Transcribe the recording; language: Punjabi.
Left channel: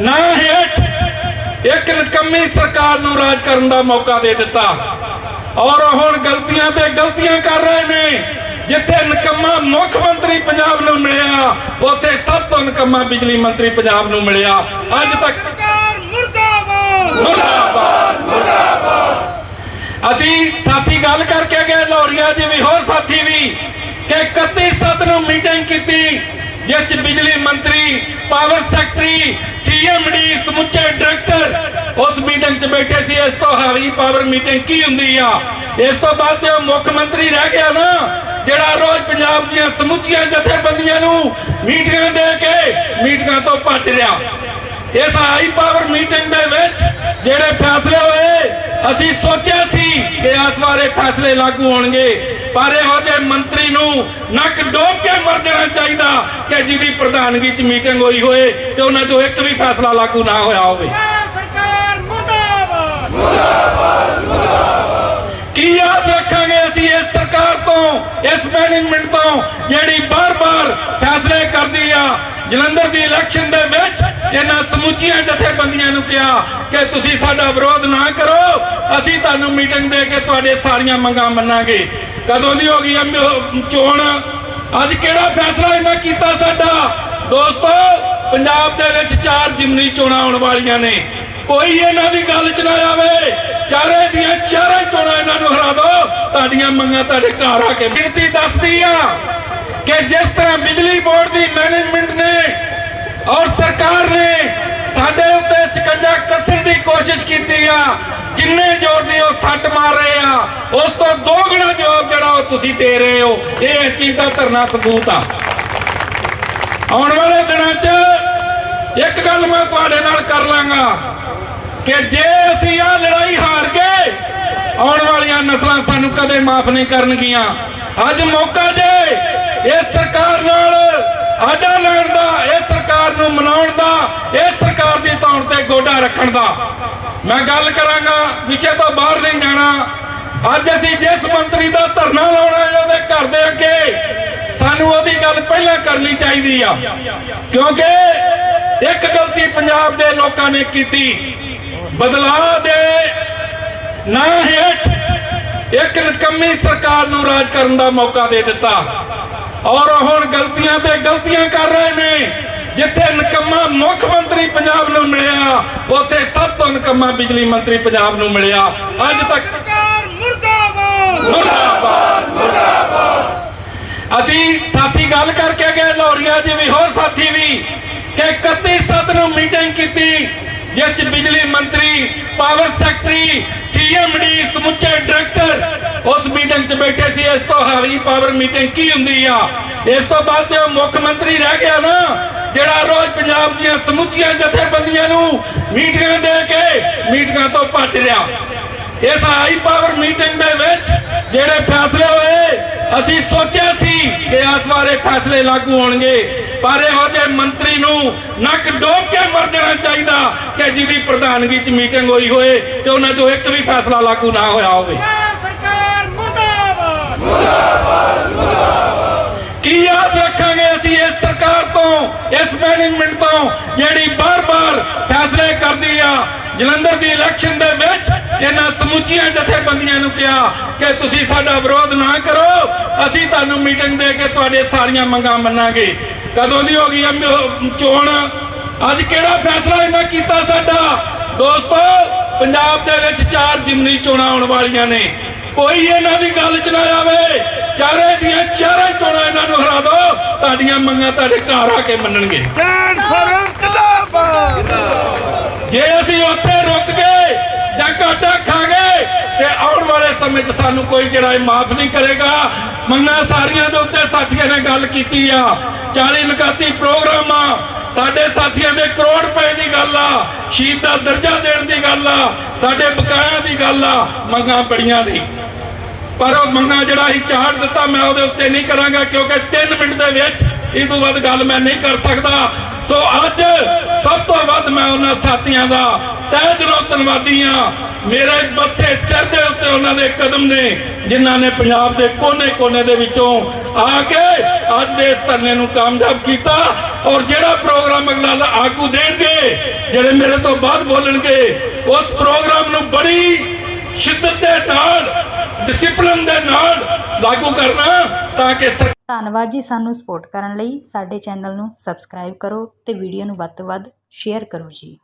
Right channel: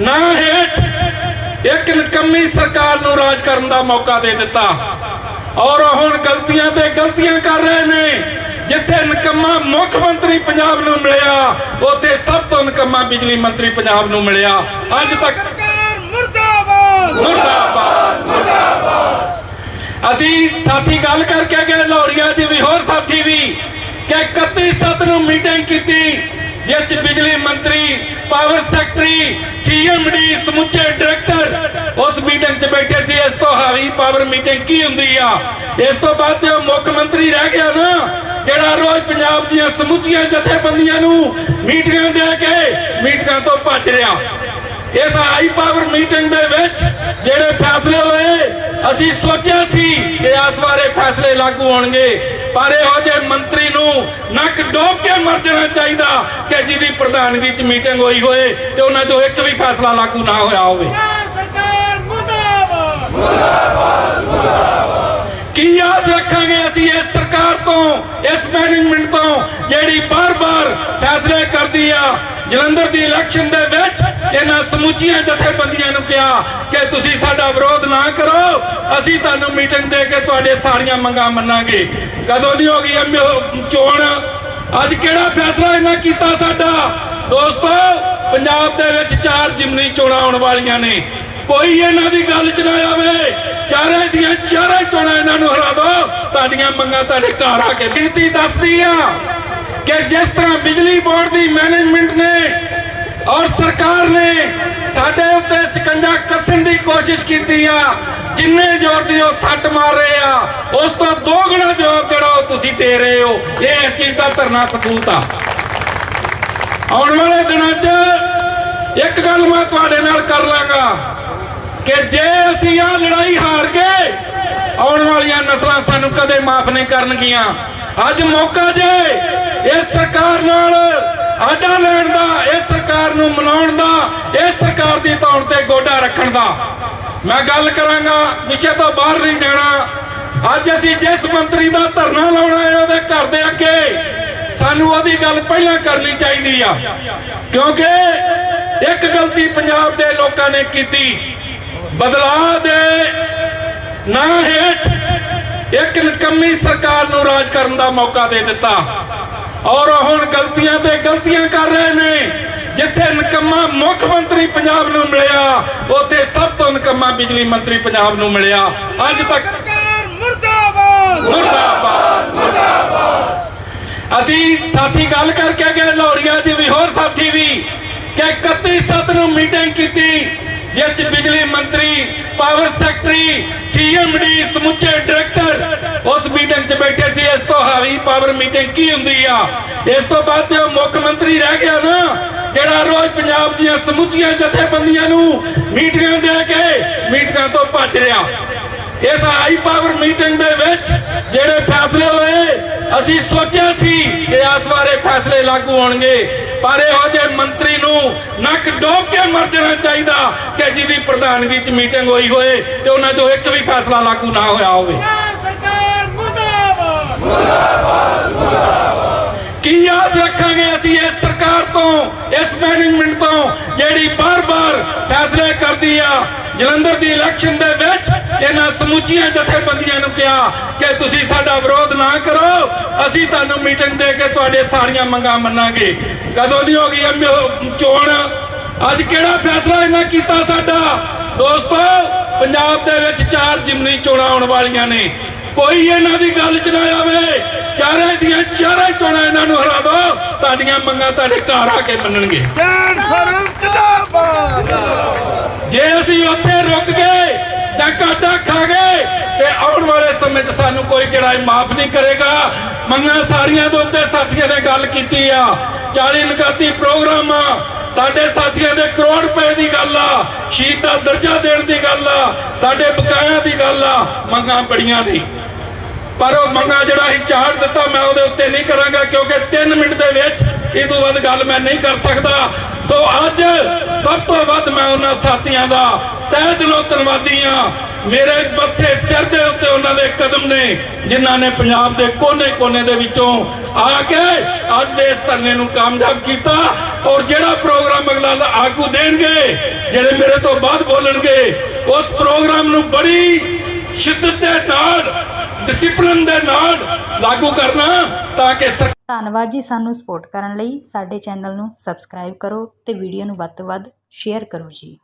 ਨਾ ਹੇਠ ਇੱਕ ਨਕੰਮੀ ਸਰਕਾਰ ਨੂੰ ਰਾਜ ਕਰਨ ਦਾ ਮੌਕਾ ਦੇ ਦਿੱਤਾ। ਔਰ ਹੁਣ ਗਲਤੀਆਂ ਤੇ ਗਲਤੀਆਂ ਕਰ ਰਹੇ ਨੇ। ਜਿੱਥੇ ਨਕੰਮਾ ਮੁੱਖ ਮੰਤਰੀ ਪੰਜਾਬ ਨੂੰ ਮਿਲਿਆ ਉੱਥੇ ਸਭ ਤੋਂ ਨਕੰਮਾ ਬਿਜਲੀ ਮੰਤਰੀ ਪੰਜਾਬ ਨੂੰ ਮਿਲਿਆ। ਅੱਜ ਤੱਕ ਸਰਕਾਰ ਮੁਰਦਾਬਾਦ। ਅਸੀਂ ਸਾਥੀ ਗੱਲ ਕਰਕੇ ਗਏ ਲੋੜੀਆਂ ਜੀ ਵੀ ਹੋਰ ਸਾਥੀ ਵੀ ਕਿ 31 ਸੱਤ ਨੂੰ ਮੀਟਿੰਗ ਕੀਤੀ ਜਿਸ 'ਚ ਬਿਜਲੀ ਮੰਤਰੀ ਪਾਵਰ ਸੈਕਟਰੀ ਸੀਐਮਡੀ ਸਮੁੱਚੇ ਡਾਇਰੈਕਟਰ ਉਸ ਮੀਟਿੰਗ 'ਚ ਬੈਠੇ ਸੀ, ਇਸ ਤੋਂ ਹਾਵੀ ਪਾਵਰ ਮੀਟਿੰਗ ਕੀ ਹੁੰਦੀ ਆ? ਇਸ ਤੋਂ ਬਾਅਦ ਤੇ ਉਹ ਮੁੱਖ ਮੰਤਰੀ ਰਹਿ ਗਿਆ ਨਾ, ਜਿਹੜਾ ਰੋਜ਼ ਪੰਜਾਬ ਦੀਆਂ ਸਮੁੱਚੀਆਂ ਜਥੇਬੰਦੀਆਂ ਨੂੰ ਮੀਟਿੰਗਾਂ ਦੇ ਕੇ ਮੀਟਿੰਗਾਂ ਤੋਂ ਭੱਜ ਰਿਹਾ। ਇਸ ਹਾਈ ਪਾਵਰ ਮੀਟਿੰਗ ਦੇ ਵਿੱਚ ਜਿਹੜੇ ਫੈਸਲੇ ਅਸੀਂ ਸੋਚਿਆ ਸੀ ਕਿ ਇਸ ਬਾਰੇ ਫੈਸਲੇ ਲਾਗੂ ਹੋਣਗੇ ਪਰ ਇਹੋ ਜਿਹੇ ਮੰਤਰੀ ਨੂੰ ਨੱਕ ਡੋਬ ਕੇ ਮਰ ਜਾਣਾ ਚਾਹੀਦਾ ਕਿ ਜਿਹਦੀ ਪ੍ਰਧਾਨਗੀ 'ਚ ਮੀਟਿੰਗ ਹੋਈ ਹੋਏ ਤੇ ਉਹਨਾਂ 'ਚੋਂ ਇੱਕ ਵੀ ਫੈਸਲਾ ਲਾਗੂ ਨਾ ਹੋਇਆ ਹੋਵੇ। ਸਰਕਾਰ ਮੁਰਦਾਬਾਦ। ਕੀ ਆਸ ਰੱਖਾਂਗੇ ਅਸੀਂ ਇਸ ਸਰਕਾਰ ਤੋਂ ਇਸ ਮੈਨੇਜਮੈਂਟ ਤੋਂ ਜਿਹੜੀ ਬਾਰ-ਬਾਰ ਫੈਸਲੇ ਕਰਦੀ ਆ? ਜਲੰਧਰ ਦੀ ਇਲੈਕਸ਼ਨ ਦੇ ਵਿੱਚ ਇਹਨਾਂ ਸਮੁੱਚੀਆਂ ਜਥੇਬੰਦੀਆਂ ਨੂੰ ਕਿਹਾ ਕਿ ਤੁਸੀਂ ਸਾਡਾ ਵਿਰੋਧ ਅਸੀਂ ਤੁਹਾਨੂੰ ਮੀਟਿੰਗ ਦੇ ਕੇ ਤੁਹਾਡੇ ਸਾਰੀਆਂ ਮੰਗਾਂ ਮੰਨਾਂਗੇ। ਕਦੋਂ ਦੀ ਹੋ ਗਈ ਹੈ ਚੋਣ? ਅੱਜ ਕਿਹੜਾ ਫੈਸਲਾ ਇਹਨਾਂ ਕੀਤਾ ਸਾਡਾ? ਦੋਸਤੋ, ਪੰਜਾਬ ਦੇ ਵਿੱਚ ਚਾਰ ਜਿਮਨੀ ਚੋਣਾਂ ਆਉਣ ਵਾਲੀਆਂ ਨੇ। ਕੋਈ ਇਹਨਾਂ ਦੀ ਗੱਲ ਚ ਨਾ ਆਵੇ। ਚਾਰੇ ਦੀਆਂ ਚਾਰੇ ਚੋਣਾਂ ਇਹਨਾਂ ਨੂੰ ਹਰਾ ਦਿਓ। ਤੁਹਾਡੀਆਂ ਮੰਗਾਂ ਤੁਹਾਡੇ ਘਰ ਆ ਕੇ ਗਿਣਤੀ ਦੱਸਦੀ ਆ ਕਿ ਜਿਸ ਤਰ੍ਹਾਂ ਬਿਜਲੀ ਬੋਰਡ ਦੀ ਮੈਨੇਜਮੈਂਟ ਨੇ ਔਰ ਸਰਕਾਰ ਨੇ ਸਾਡੇ ਉੱਤੇ ਸ਼ਿਕੰਜਾ ਕੱਸਣ ਦੀ ਕੋਸ਼ਿਸ਼ ਕੀਤੀ ਆ ਜਿੰਨੇ ਜ਼ੋਰ ਦੀ ਉਹ ਸੱਟ ਮਾਰ ਰਹੇ ਆ, ਉਸ ਤੋਂ ਦੋ ਗੁਣਾ ਜਵਾਬ ਜਿਹੜਾ ਉਹ ਤੁਸੀਂ ਦੇ ਰਹੇ ਹੋ, ਇਹ ਇਸ ਚੀਜ਼ ਦਾ ਧਰਨਾ ਸਬੂਤ ਆ। ਆਉਣ ਵਾਲੇ ਦਿਨਾਂ 'ਚ ਇੱਕ ਗੱਲ ਮੈਂ ਤੁਹਾਡੇ ਨਾਲ ਕਰ ਲਾਂਗਾ ਕਿ ਜੇ ਅਸੀਂ ਆ ਲੜਾਈ ਹਾਰ ਗਏ, ਆਉਣ ਵਾਲੀਆਂ ਨਸਲਾਂ ਸਾਨੂੰ ਕਦੇ ਮਾਫ ਨਹੀਂ ਕਰਨਗੀਆਂ। ਅੱਜ ਮੌਕਾ ਜੇ ਇਸ ਸਰਕਾਰ ਨਾਲ ਆਡਾ ਲੈਣ ਦਾ, ਇਸ ਸਰਕਾਰ ਨੂੰ ਮਨਾਉਣ ਦਾ, ਇਸ ਸਰਕਾਰ ਦੀ ਤੌਣ ਤੇ ਗੋਡਾ ਰੱਖਣ ਦਾ। ਮੈਂ ਗੱਲ ਕਰਾਂਗਾ ਵਿਸ਼ੇ ਤੋਂ ਬਾਹਰ ਨਹੀਂ ਜਾਣਾ। ਅੱਜ ਅਸੀਂ ਜਿਸ ਮੰਤਰੀ ਦਾ ਧਰਨਾ ਲਾਉਣਾ ਹੈ, ਉਹਦੇ ਘਰ ਦੇ ਅੱਗੇ ਸਾਨੂੰ ਉਹਦੀ ਗੱਲ ਪਹਿਲਾਂ ਕਰਨੀ ਚਾਹੀਦੀ ਆ। ਕਿਉਂਕਿ ਇੱਕ ਗਲਤੀ ਪੰਜਾਬ ਦੇ ਲੋਕਾਂ ਨੇ ਕੀਤੀ। ਬਦਲਾਅ ਦੇ ਨਾ ਹੇਠ ਇੱਕ ਨਕੰਮੀ ਸਰਕਾਰ ਨੂੰ ਰਾਜ ਕਰਨ ਦਾ ਮੌਕਾ ਦੇ ਦਿੱਤਾ। ਔਰ ਹੁਣ ਗਲਤੀਆਂ ਤੇ ਗਲਤੀਆਂ ਕਰ ਰਹੇ ਨੇ। ਜਿੱਥੇ ਨਕੰਮਾ ਮੁੱਖ ਮੰਤਰੀ ਪੰਜਾਬ ਨੂੰ ਮਿਲਿਆ ਉੱਥੇ ਸਭ ਤੋਂ ਨਕੰਮਾ ਬਿਜਲੀ ਮੰਤਰੀ ਪੰਜਾਬ ਨੂੰ ਮਿਲਿਆ। ਅੱਜ ਤੱਕ ਸਰਕਾਰ ਮੁਰਦਾਬਾਦ। ਅਸੀਂ ਸਾਥੀ ਗੱਲ ਕਰਕੇ ਗਏ ਲੋੜੀਆਂ ਜੀ ਵੀ ਹੋਰ ਸਾਥੀ ਵੀ ਕਿ 31 ਸੱਤ ਨੂੰ ਮੀਟਿੰਗ ਕੀਤੀ ਜਿਸ 'ਚ ਬਿਜਲੀ ਮੰਤਰੀ ਪਾਵਰ ਸੈਕਟਰੀ ਸੀਐਮਡੀ ਸਮੁੱਚੇ ਡਾਇਰੈਕਟਰ ਉਸ ਮੀਟਿੰਗ 'ਚ ਬੈਠੇ ਸੀ। ਇਸ ਤੋਂ ਹਾਵੀ ਪਾਵਰ ਮੀਟਿੰਗ ਕੀ ਹੁੰਦੀ ਆ? ਇਸ ਤੋਂ ਬਾਅਦ ਤੇ ਉਹ ਮੁੱਖ ਮੰਤਰੀ ਰਹਿ ਗਿਆ ਨਾ ਜਿਹੜਾ ਰੋਜ਼ ਪੰਜਾਬ ਦੀਆਂ ਸਮੁੱਚੀਆਂ ਜਥੇਬੰਦੀਆਂ ਨੂੰ ਮੀਟਿੰਗਾਂ ਦੇ ਕੇ ਮੀਟਿੰਗਾਂ ਤੋਂ ਭੱਜ ਰਿਹਾ। ਇਸ ਹਾਈ ਪਾਵਰ ਮੀਟਿੰਗ ਦੇ ਵਿੱਚ ਜਿਹੜੇ ਫੈਸਲੇ ਹੋਏ, ਅਸੀਂ ਸੋਚਿਆ ਸੀ ਕਿ ਇਸ ਬਾਰੇ ਫੈਸਲੇ ਲਾਗੂ ਹੋਣਗੇ। ਪਰ ਇਹੋ ਜਿਹੇ ਮੰਤਰੀ ਨੂੰ ਨੱਕ ਡੋਬ ਕੇ ਮਰ ਜਾਣਾ ਚਾਹੀਦਾ ਕਿ ਜਿਹਦੀ ਪ੍ਰਧਾਨਗੀ 'ਚ ਮੀਟਿੰਗ ਹੋਈ ਹੋਏ ਤੇ ਉਹਨਾਂ 'ਚੋਂ ਇੱਕ ਵੀ ਫੈਸਲਾ ਲਾਗੂ ਨਾ ਹੋਇਆ ਹੋਵੇ ਪੰਜਾਬ ਸਰਕਾਰ ਮੁਰਦਾਬਾਦ ਕੀ ਆਸ ਰੱਖਾਂਗੇ ਅਸੀਂ ਇਸ ਸਰਕਾਰ ਤੋਂ ਇਸ ਮੈਨੇਜਮੈਂਟ ਤੋਂ ਜਿਹੜੀ ਬਾਰ-ਬਾਰ ਫੈਸਲੇ ਕਰਦੀ ਆ, ਜਲੰਧਰ ਦੀ ਇਲੈਕਸ਼ਨ ਦੇ ਵਿੱਚ ਇਹਨਾਂ ਸਮੁੱਚੀਆਂ ਜਥੇਬੰਦੀਆਂ ਨੂੰ ਕਿਹਾ ਕਿ ਤੁਸੀਂ ਸਾਡਾ ਵਿਰੋਧ ਨਾ ਕਰੋ, ਅਸੀਂ ਤੁਹਾਨੂੰ ਮੀਟਿੰਗ ਦੇ ਕੇ ਤੁਹਾਡੇ ਸਾਰੀਆਂ ਮੰਗਾਂ ਮੰਨਾਂਗੇ। ਕਦੋਂ ਦੀ ਹੋ ਗਈ ਚੋਣ? ਅੱਜ ਕਿਹੜਾ ਫੈਸਲਾ ਇਹਨਾਂ ਕੀਤਾ ਸਾਡਾ? ਦੋਸਤੋ, ਪੰਜਾਬ ਦੇ ਵਿੱਚ ਚਾਰ ਜਿਮਨੀ ਚੋਣਾਂ ਆਉਣ ਵਾਲੀਆਂ ਨੇ। ਕੋਈ ਇਹਨਾਂ ਦੀ ਗੱਲ ਚ ਨਾ ਆਵੇ। ਚਾਰੇ ਦੀਆਂ ਚਾਰੇ ਚੋਣਾਂ ਇਹਨਾਂ ਨੂੰ ਹਰਾ ਤੁਹਾਡੀਆਂ ਮੰਗਾਂ ਤੁਹਾਡੇ ਘਰ ਆ ਕੇ ਮੰਨਣਗੇ। ਜਾਨ ਫਰਮ ਜਿੰਦਾਬਾਦ। ਜੇ ਅਸੀਂ ਉੱਥੇ ਰੁਕ ਗਏ ਜਾਂ ਘਾਟਾ ਖਾ ਗਏ ਤੇ ਆਉਣ ਵਾਲੇ ਸਮੇਂ 'ਚ ਸਾਨੂੰ ਕੋਈ ਜਿਹੜਾ ਇਹ ਮਾਫ ਨਹੀਂ ਕਰੇਗਾ। ਮੰਗਾਂ ਸਾਰੀਆਂ ਦੇ ਉੱਤੇ ਸਾਥੀਆਂ ਨੇ ਗੱਲ ਕੀਤੀ ਆ। 40 ਨਕਾਤੀ ਪ੍ਰੋਗਰਾਮ ਆ। ਸਾਡੇ ਸਾਥੀਆਂ ਦੇ ਕਰੋੜ ਰੁਪਏ ਦੀ ਗੱਲ ਆ। ਸ਼ਹੀਦ ਦਾ ਦਰਜਾ ਦੇਣ ਦੀ ਗੱਲ ਆ। ਸਾਡੇ ਬਕਾਇਆ ਦੀ ਗੱਲ ਆ। ਮੰਗਾਂ ਬੜੀਆਂ ਨੇ। ਪਰ ਉਹ ਮੰਗਾ ਜਿਹੜਾ ਅਸੀਂ ਚਾੜ ਦਿੱਤਾ, ਮੈਂ ਉਹਦੇ ਉੱਤੇ ਨਹੀਂ ਕਰਾਂਗਾ, ਕਿਉਂਕਿ 3 ਮਿੰਟ ਦੇ ਵਿੱਚ ਇਹ ਤੋਂ ਵੱਧ ਗੱਲ ਮੈਂ ਨਹੀਂ ਕਰ ਸਕਦਾ। ਸੋ ਅੱਜ ਸਭ ਤੋਂ ਵੱਧ ਮੈਂ ਉਹਨਾਂ ਸਾਥੀਆਂ ਦਾ ਤਹਿ ਦਿਲੋਂ ਧੰਨਵਾਦੀ ਆ ਮੇਰੇ ਮੱਥੇ ਸਿਰ ਦੇ ਉੱਤੇ ਉਹਨਾਂ ਦੇ ਕਦਮ ਨੇ, ਜਿਨ੍ਹਾਂ ਨੇ ਪੰਜਾਬ ਦੇ ਕੋਨੇ-ਕੋਨੇ ਦੇ ਵਿੱਚੋਂ ਆ ਕੇ ਅੱਜ ਦੇ ਇਸ ਧਰਨੇ ਨੂੰ ਕਾਮਯਾਬ ਕੀਤਾ। ਔਰ ਜਿਹੜਾ ਪ੍ਰੋਗਰਾਮ ਅਗਲਾ ਆਗੂ ਦੇਣਗੇ, ਜਿਹੜੇ ਮੇਰੇ ਤੋਂ ਬਾਅਦ ਬੋਲਣਗੇ, ਉਸ ਪ੍ਰੋਗਰਾਮ ਨੂੰ ਬੜੀ ਸ਼ਿੱਦਤ ਦੇ ਨਾਲ ਡਿਸਪਲਿਨ ਦੇ ਨਾਲ ਲਾਗੂ ਕਰਨਾ ਤਾਂ ਕਿ ਧੰਨਵਾਦ ਜੀ ਸਾਨੂੰ ਸਪੋਰਟ ਕਰਨ ਲਈ। ਸਾਡੇ ਚੈਨਲ ਨੂੰ ਸਬਸਕ੍ਰਾਈਬ ਕਰੋ ਤੇ ਵੀਡੀਓ ਨੂੰ ਵੱਧ ਤੋਂ ਵੱਧ ਸ਼ੇਅਰ ਕਰੋ ਜੀ।